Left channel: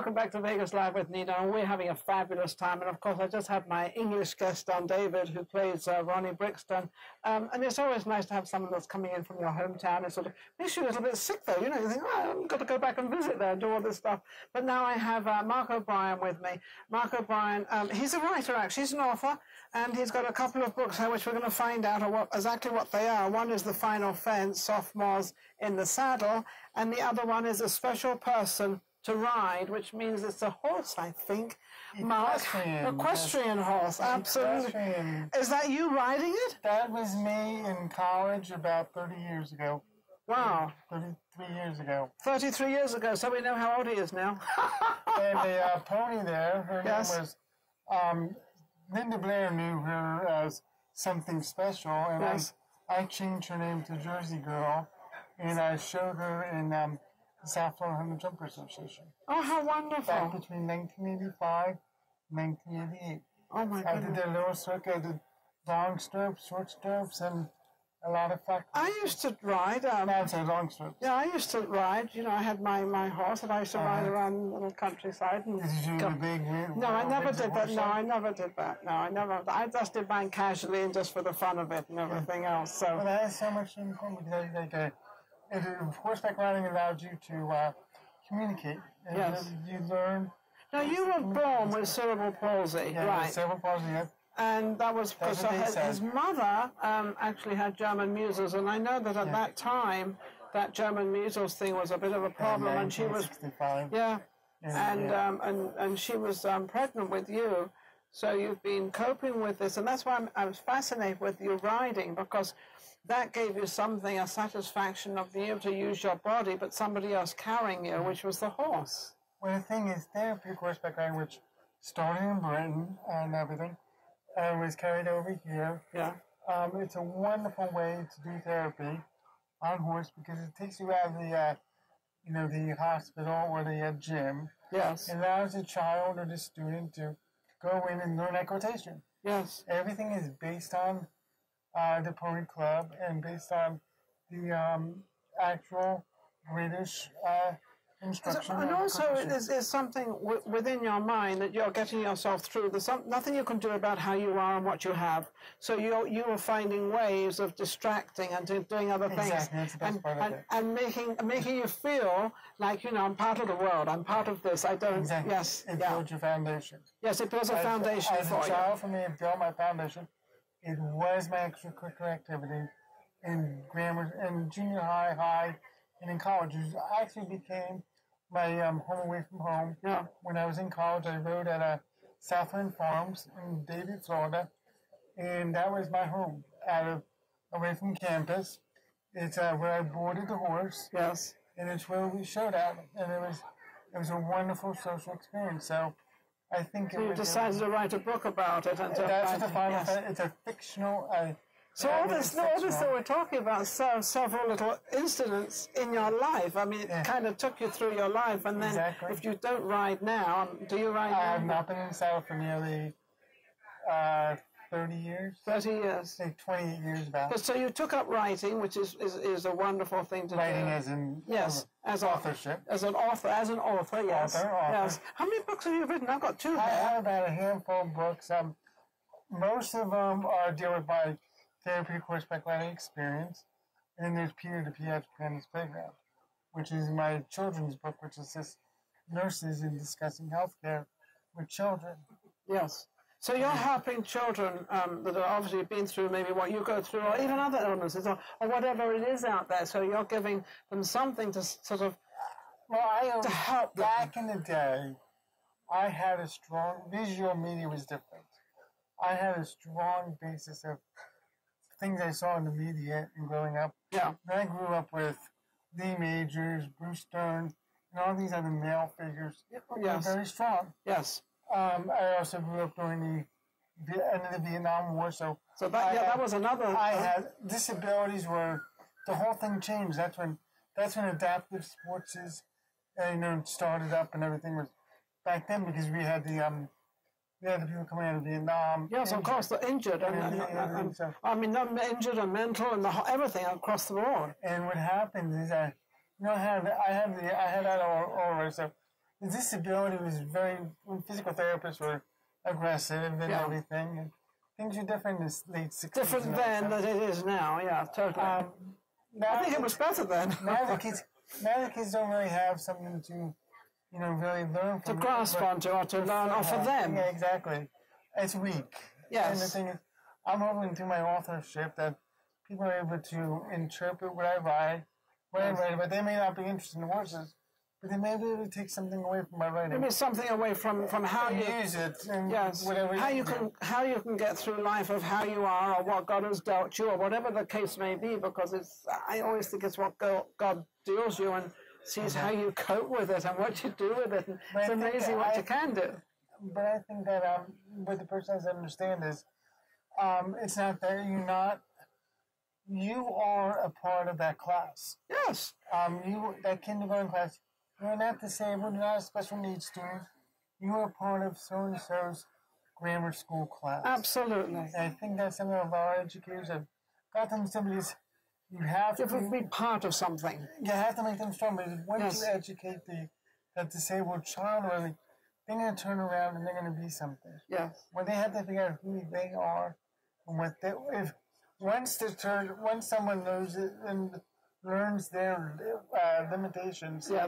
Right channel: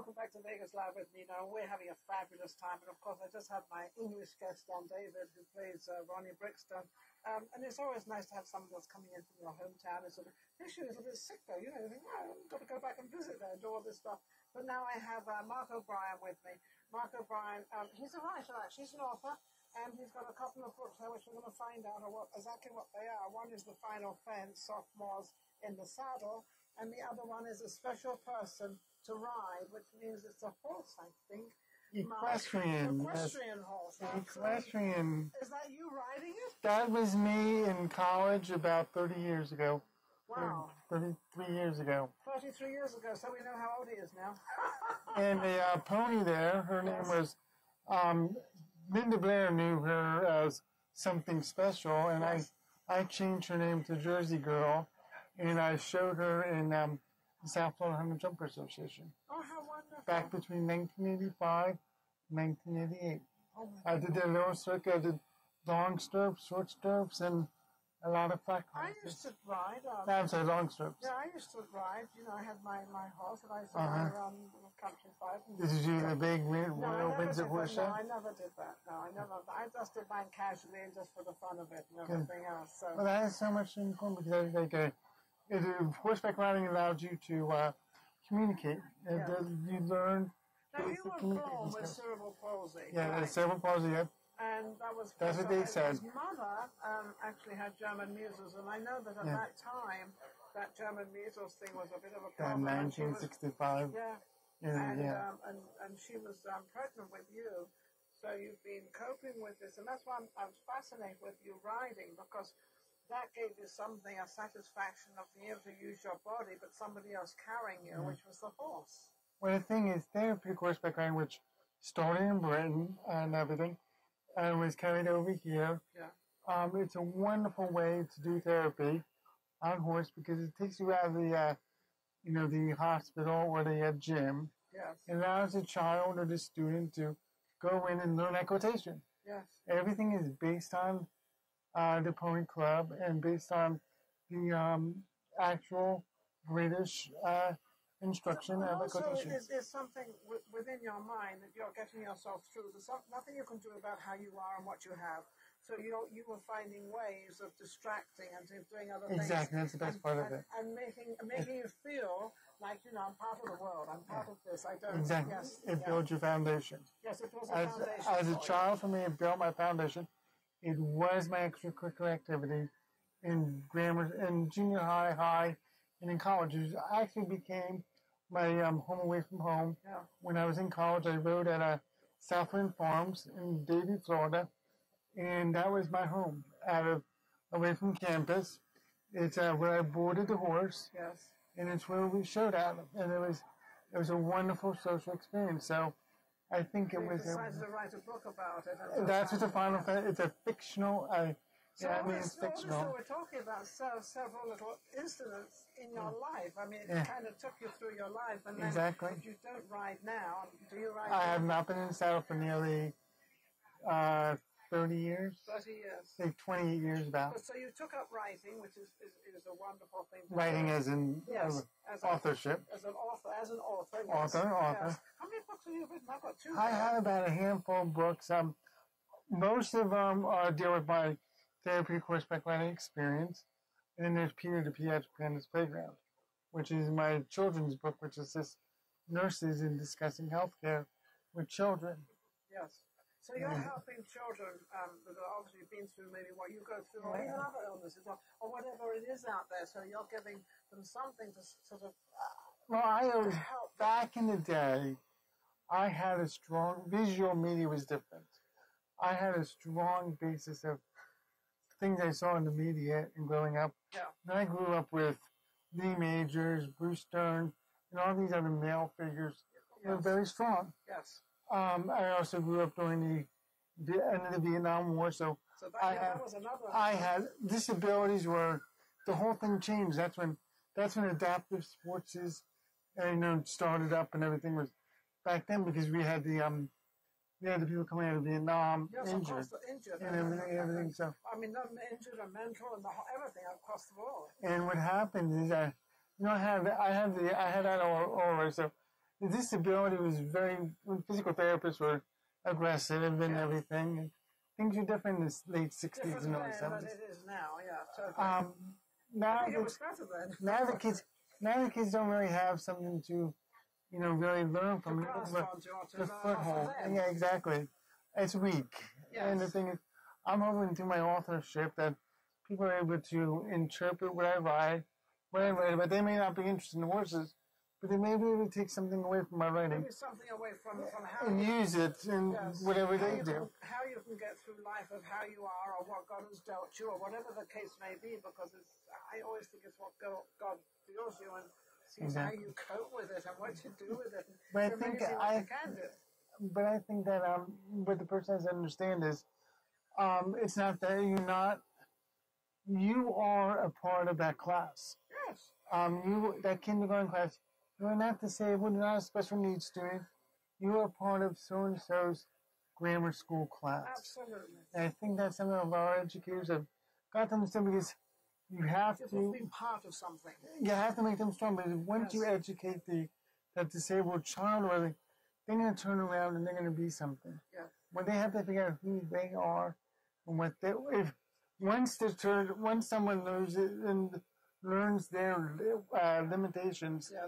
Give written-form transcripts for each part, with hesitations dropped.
welcome back to Vegas Live with Ninon. We're having a fabulous time, and of course I just had my English guest on, David, who plays Ronnie Brixton, and it's always nice to have someone that's coming in from your hometown. It sort of makes you a little bit sick though, you know, you think, oh, I've got to go back and visit there and do all this stuff. But now I have Mark O'Brien with me. Mark O'Brien, he's a writer actually, he's an author, and he's got a couple of books here which we're going to find out exactly what they are. One is The Final Fence, Sophomores in the Saddle, and the other one is A Special Person to Ride, which means it's a horse, I think. Equestrian horse, absolutely. Equestrian. Is that you riding it? That was me in college about 30 years ago. Wow. 33 years ago. 33 years ago, so we know how old he is now. And the pony there, her name was, Linda Blair knew her as something special, and I changed her name to Jersey Girl, and I showed her in the South Florida Jumper Association. Oh, how wonderful. Back between 1985 and 1988. Oh, my goodness. I did their little circuit. I did long stirrups, short stirrups, and a lot of flat. I used to ride. I'm sorry, long stirrups. Yeah, I used to ride. You know, I had my horse, and I used to ride around the countryside. And did you do the big wheel? No, I never did that. No, I never did that. No, I never. I just did mine casually and just for the fun of it and everything else. So. Well, that is so much fun because horseback riding allows you to communicate. Yes. You learn. Now, you were born with cerebral palsy, yeah, right? Cerebral palsy, yeah. And that was because his mother actually had German measles, and I know that at that time, that German measles thing was a bit of a problem. And she was, and she was pregnant with you, so you've been coping with this, and that's why I was fascinated with your riding, because that gave you something, a satisfaction of being able to use your body, but somebody else carrying you, which was the horse. Well, the thing is, therapeutic horseback riding, which started in Britain and everything, and was carried over here. Yeah. It's a wonderful way to do therapy on horse because it takes you out of the, the hospital or the gym. Yes. It allows the child or the student to go in and learn equitation. Yes. Everything is based on the Pony Club and based on the actual British instruction. And also, there's something within your mind that you're getting yourself through. There's nothing you can do about how you are and what you have. So you are finding ways of distracting and doing other things. Exactly, that's the best part of it. And making you feel like, I'm part of the world. I'm part of this. I don't. Exactly. Yes. It builds your foundation. Yes, it builds a foundation. As a child, for me, it built my foundation. It was my extracurricular activity in grammar, in junior high, and in college. It actually became my home away from home. Yeah. When I was in college, I rode at Southland Farms in Davie, Florida, and that was my home, away from campus. It's where I boarded the horse. Yes. And it's where we showed at, and it was a wonderful social experience. So I think you decided to write a book about it. That's what the final. It's a fictional. So all this that we're talking about, several little incidents in your life. I mean, it kind of took you through your life, and then if you don't ride now, do you ride now? I have not been in the saddle for nearly 30 years. 30 years. Like 28 years about. So you took up writing, which is a wonderful thing to do. Writing as in as authorship. As an author, yes. Author. Yes. How many books have you written? I've got 2. I have about a handful of books. Most of them are deal with my therapeutic horseback riding experience. And then there's Peter the Pediatric Panda's Playground, which is my children's book, which assists nurses in discussing healthcare with children. Yes. So you're helping children that have obviously been through maybe what you go through, or even other illnesses, or whatever it is out there. So you're giving them something to sort of to help them. Back in the day, I had a strong visual media was different. I had a strong basis of things I saw in the media and growing up. Yeah. And I grew up with Lee Majors, Bruce Stern, and all these other male figures. Yes. Were very strong. Yes. I also grew up during the end of the Vietnam War, so that was another. I had disabilities where the whole thing changed. That's when adaptive sports started up and everything was back then because we had the people coming out of Vietnam. Yes, of course, the injured. I mean, injured and mental and everything across the board. And what happened is I had that aura, so the disability was very, when physical therapists were aggressive and everything. And things are different in the late 60s. Different and then than it is now, yeah, totally. Now I think it was better then. now the kids don't really have something to, really learn from. To grasp onto or to learn off of them. Yeah, exactly. It's weak. Yes. And the thing is, I'm hoping through my authorship that people are able to interpret what I write, but they may not be interested in horses, but they may be able to take something away from my writing. Maybe something away from how you use it and whatever how you can get through life of how you are or what God has dealt you or whatever the case may be, because I always think it's what God deals you and sees how you cope with it and what you do with it. And it's amazing what you can do. But I think that what the person has to understand is it's not that you are a part of that class. Yes. That kindergarten class, you're not disabled, you're not a special needs student. You are part of so-and-so's grammar school class. Absolutely. And I think that some of our educators have got them to because you have to be part of something. You have to make them strong, but once you educate that disabled child, they're going to turn around and they're going to be something. Yes. When they have to figure out who they are and what they, once someone knows it and learns their limitations, they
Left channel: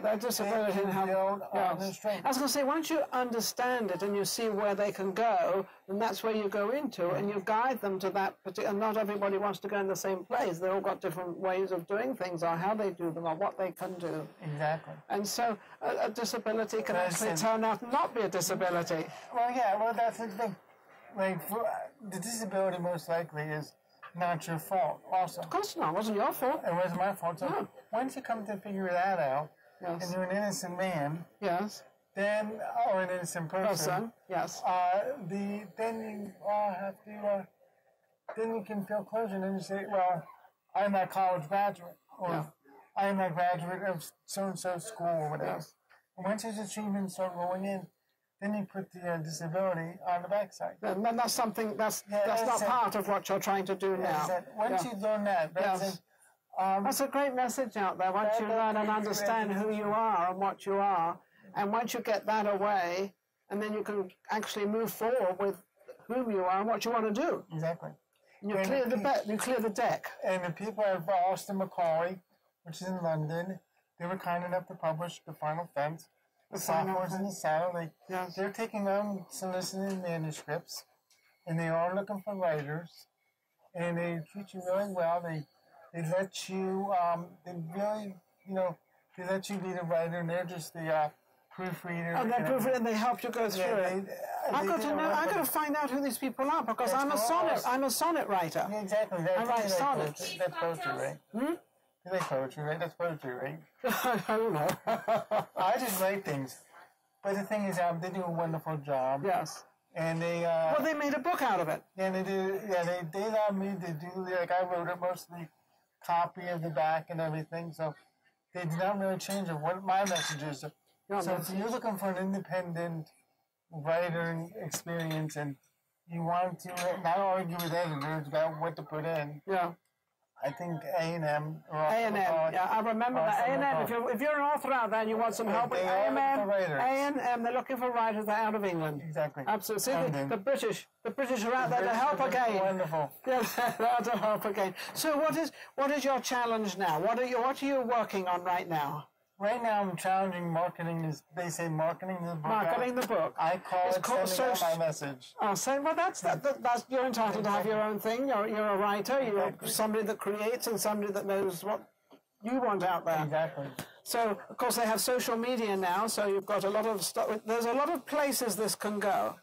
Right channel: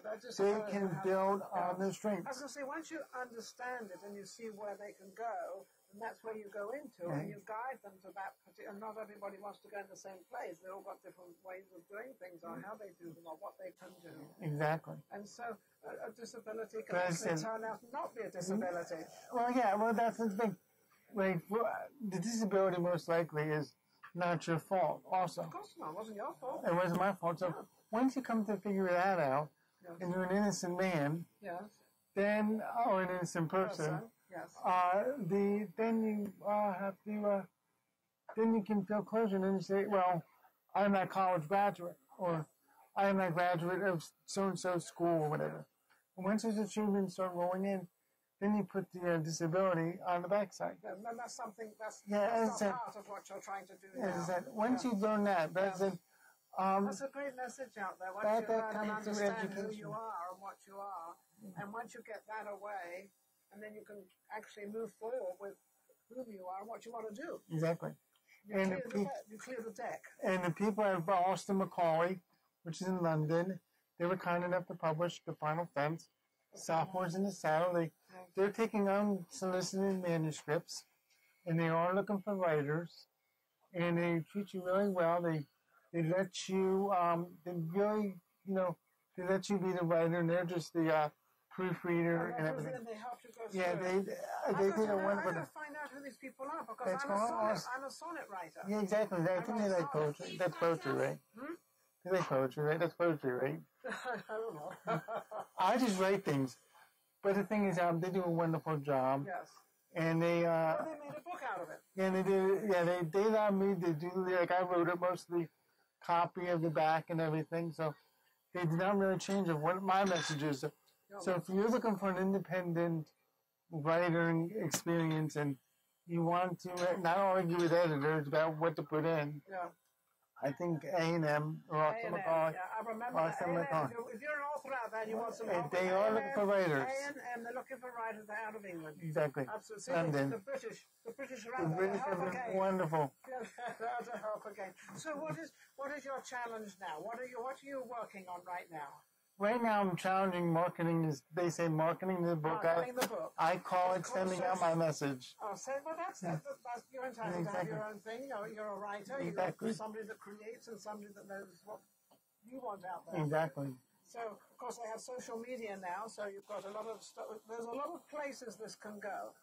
can build on their strength. I was going to say, once you understand it and you see where they can go, then that's where you go into, and you guide them to that particular. And not everybody wants to go in the same place. They've all got different ways of doing things, or how they do them, or what they can do. Exactly. And so, a disability can actually turn out not be a disability. Well, that's the thing. Like, the disability most likely is not your fault, also. Of course not. It wasn't your fault. It wasn't my fault. So once you come to figure that out, and you're an innocent man, then, or an innocent person, then you have to, then you can feel closure, and then you say, well, I'm that college graduate, or I'm that graduate of so-and-so school, or whatever. And once his achievements start rolling in, then you put the disability on the backside. And that's something that's not part of what you're trying to do now. Once you learn that, that's a great message out there. Once you learn and understand who you are and what you are, and once you get that away, and then you can actually move forward with who you are and what you want to do. Exactly. You clear the deck. And the people at Austin Macaulay, which is in London, they were kind enough to publish The Final Fence. The sophomores in the saddle, they're taking unsolicited manuscripts, and they are looking for writers, and they treat you really well. They let you, they let you be the writer, and they're just the proofreader. And they're proofreader, and they help you go through it. I've got to find out who these people are, because I'm a sonnet writer. Yeah, exactly. I write sonnets. That's poetry, right? You like poetry, right? That's poetry, right? I don't know. I just write things. But the thing is, they do a wonderful job. Yes. And they... they made a book out of it. Yeah, they do. Yeah, they allowed me to do... Like, I wrote it, mostly copy of the back and everything. So they did not really change what my message is. So if you're looking for an independent writer experience and you want to not argue with editors about what to put in... I think A&M or A&M, I remember that. A&M, if you're an author out there and you want some help, they are looking for writers. A&M, they're looking for writers. They're out of England. Exactly. Absolutely. See, the British are out there to help again. Wonderful. Yeah, they're out to help again. So what is your challenge now? What are you working on right now? Right now, I'm challenging marketing. They say marketing the book. Marketing the book. I call it sending out my message. Oh, well, that's you're entitled to have your own thing. You're a writer. You're somebody that creates and somebody that knows what you want out there. Exactly. So, of course, they have social media now. So you've got a lot of stuff. There's a lot of places this can go.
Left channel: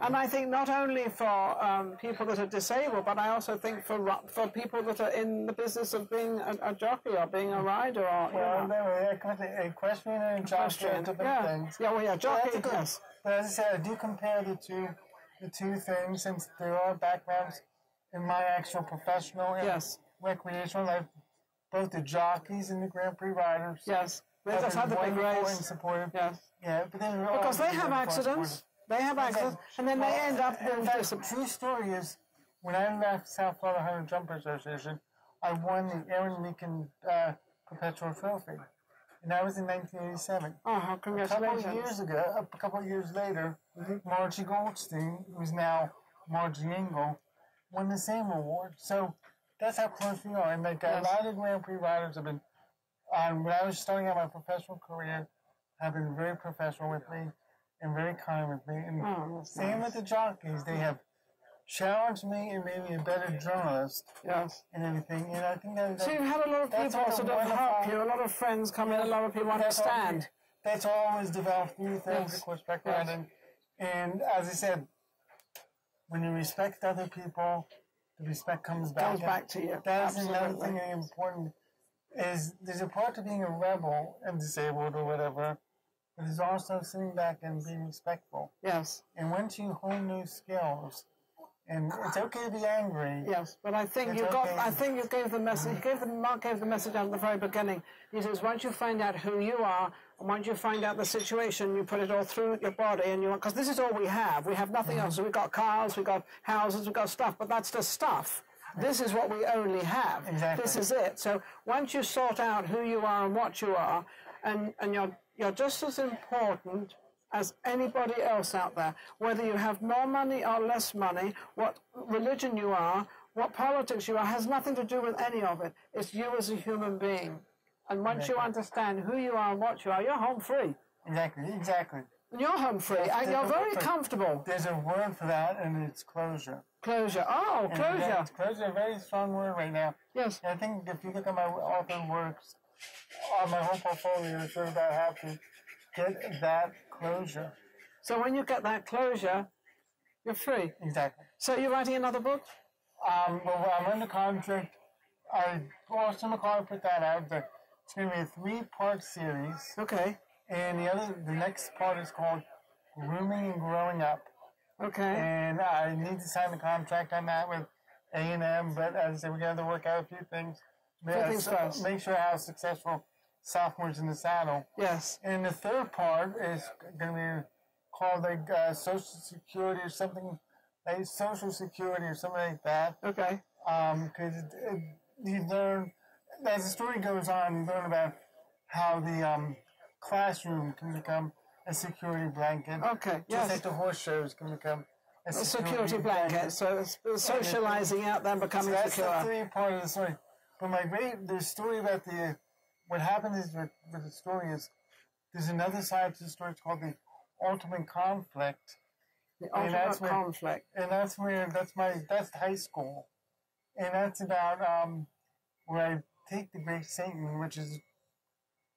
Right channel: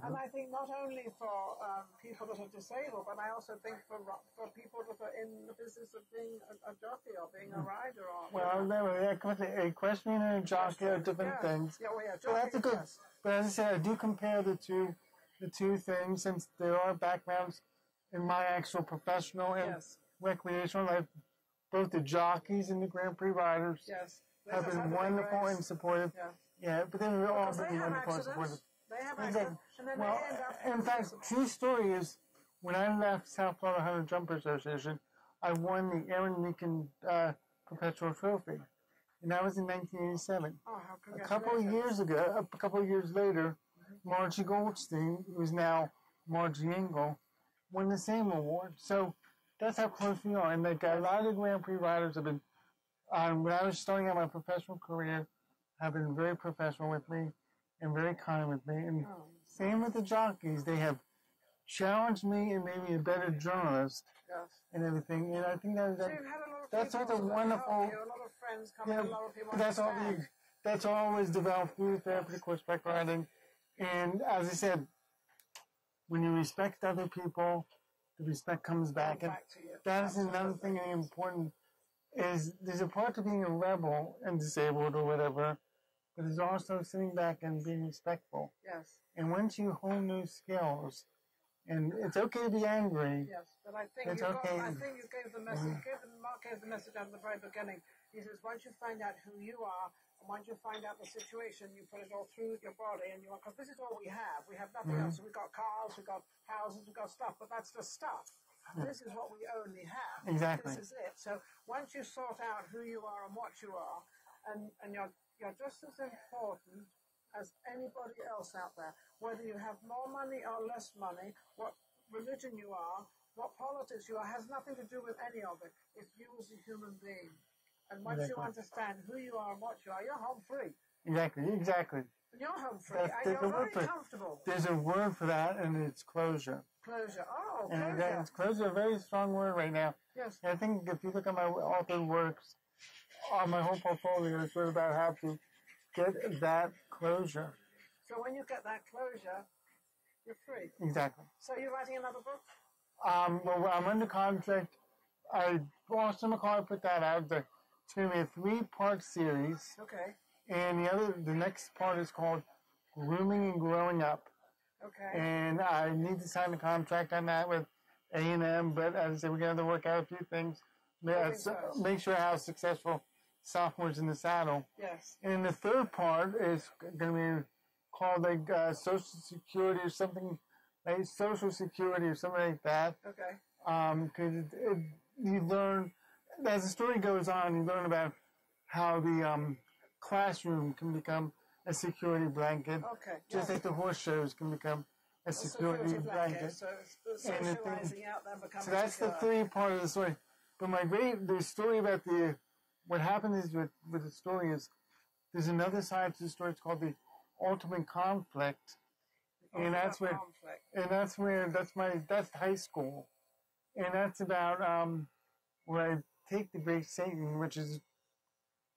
And I think not only for people that are disabled, but I also think for people that are in the business of being a jockey or being a rider. Equestrian and jockey are different things. Jockey, But as I said, I do compare the two things, since there are backgrounds in my actual professional and recreational life. Both the jockeys and the Grand Prix riders have been wonderful and supportive. But because they have accidents. They have accidents, and then they end up... In fact, the true story is, when I left South Florida Hunter Jumper Association, I won the Aaron Meakin Perpetual Trophy. and that was in 1987. Oh, A couple of years ago, a couple of years later, Margie Goldstein, who's now Margie Engel, won the same award. So that's how close we are. And like a lot of Grand Prix riders have been, when I was starting out my professional career, have been very professional with me and very kind with me. And same with the jockeys. They have challenged me and made me a better journalist and everything. And I think that so you've had a lot of people sort of help you, a lot of friends come in, a lot of people understand. That's always developed through therapeutic horseback riding. And as I said, when you respect other people, the respect comes back. To you. That is another thing that's important. Is there's a part to being a rebel and disabled or whatever, but there's also sitting back and being respectful. Yes. And once you hone those skills, and it's okay to be angry. Yes, but I think I think you gave the message. Mark gave the message at the very beginning. He says once you find out who you are, and once you find out the situation, you put it all through your body, and because this is all we have. We have nothing else. So we've got cars, we've got houses, we've got stuff, but that's just stuff. This is what we only have. Exactly. This is it. So once you sort out who you are and what you are, and you're just as important as anybody else out there, whether you have more money or less money, what religion you are, what politics you are, has nothing to do with any of it. It's you as a human being. And once you understand who you are and what you are, you're home free. Exactly. And you're home free. And you're very comfortable. There's a word for that, and it's closure. Closure. Oh, closure. Closure, a very strong word right now. Yes. And I think if you look at my author works, my whole portfolio is sort of about how to get that closure. So when you get that closure, you're free. Exactly. So you're writing another book? Well, I'm under contract. Austin McCall put that out. It's going to be a 3-part series. Okay. And the next part is called Grooming and Growing Up. Okay. And I need to sign a contract on that with A&M, but as I said, we're going to work out a few things. Make sure I have successful sophomores in the saddle. Yes. And the third part is going to be called like Social Security or something, like Social Security or something like that. Okay. Because you learn, as the story goes on, you learn about how the classroom can become a security blanket. Okay. Just like the horse shows can become a security blanket. So it's socializing out there and becoming secure. So that's the 3 part of the story. But the story about what happened is with the story is there's another side to the story. It's called the ultimate conflict. The ultimate conflict. And that's high school. And that's about where I take the great Satan, which is a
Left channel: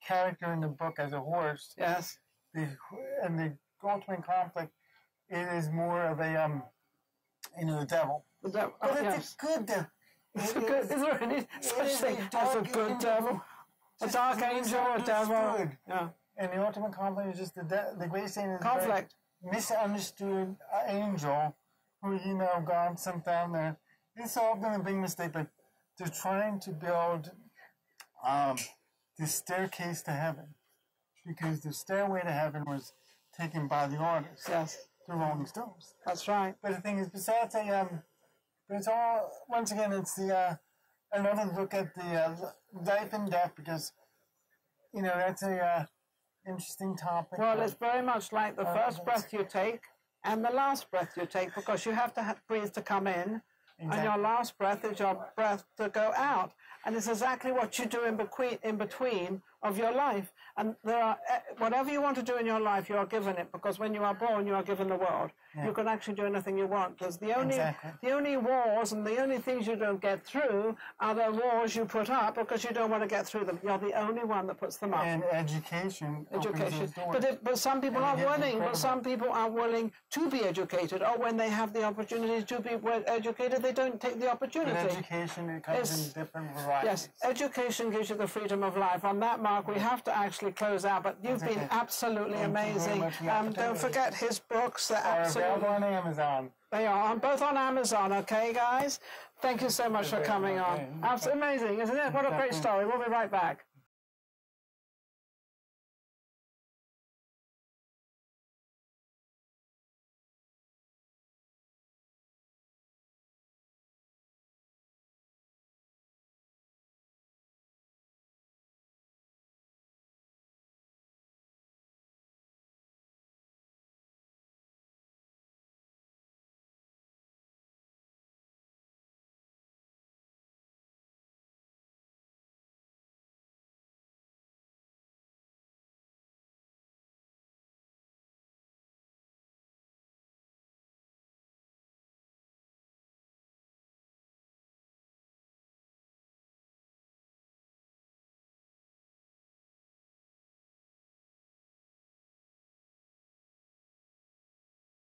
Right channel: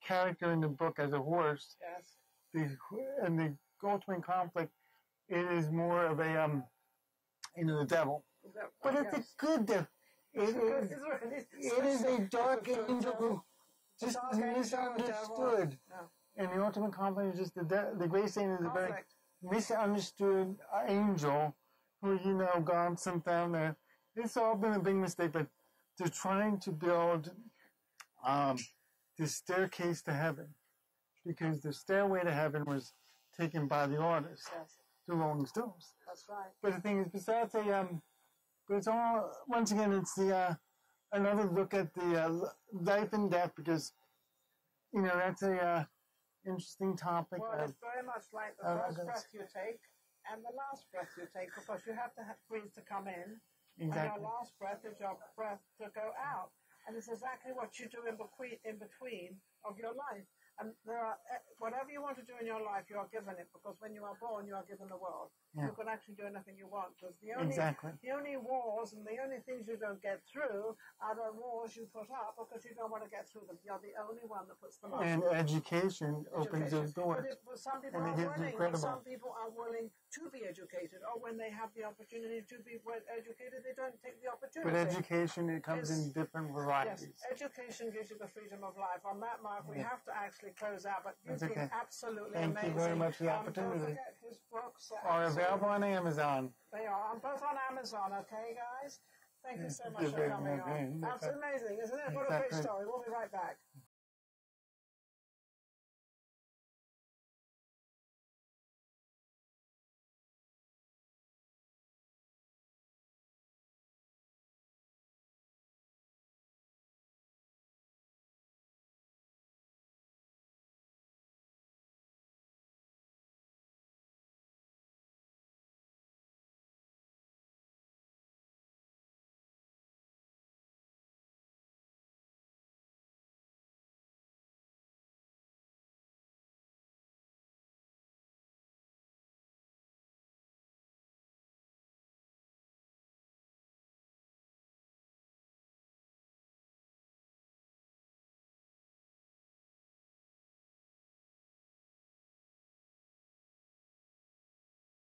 character in the book as a horse. Yes. And the ultimate conflict, it is more of a the devil. But it's a good devil. Is there any a good devil? A dark angel or devil? Yeah. And the ultimate conflict is just the great Satan is conflict. A very misunderstood angel who, gone sent down there. It's all been a big mistake, but they're trying to build the staircase to heaven, because the stairway to heaven was taken by the artists, the Rolling Stones. That's right. But the thing is, besides but it's all, once again, it's another look at the life and death, because that's a interesting topic. Well, it's very much like the first breath you take and the last breath you take, because you have to breathe to come in, and your last breath is your breath to go out. And it's exactly what you do in between of your life. And there are whatever you want to do in your life, you are given it, because when you are born, you are given the world. You can actually do anything you want. Because the only wars and the only things you don't get through are the wars you put up because you don't want to get through them. You're the only one that puts them up. And education opens those doors. But some people are willing. But some people are willing to be educated, or when they have the opportunity to be educated, they don't take the opportunity. But education, it comes in different varieties. Yes, education gives you the freedom of life. On that, Mark, we have to actually close out. But you've been absolutely amazing. Don't forget his books. They're absolutely available on Amazon. They are both on Amazon. Okay, guys. Thank you so much for coming on. Absolutely amazing, isn't it? What a great story. We'll be right back.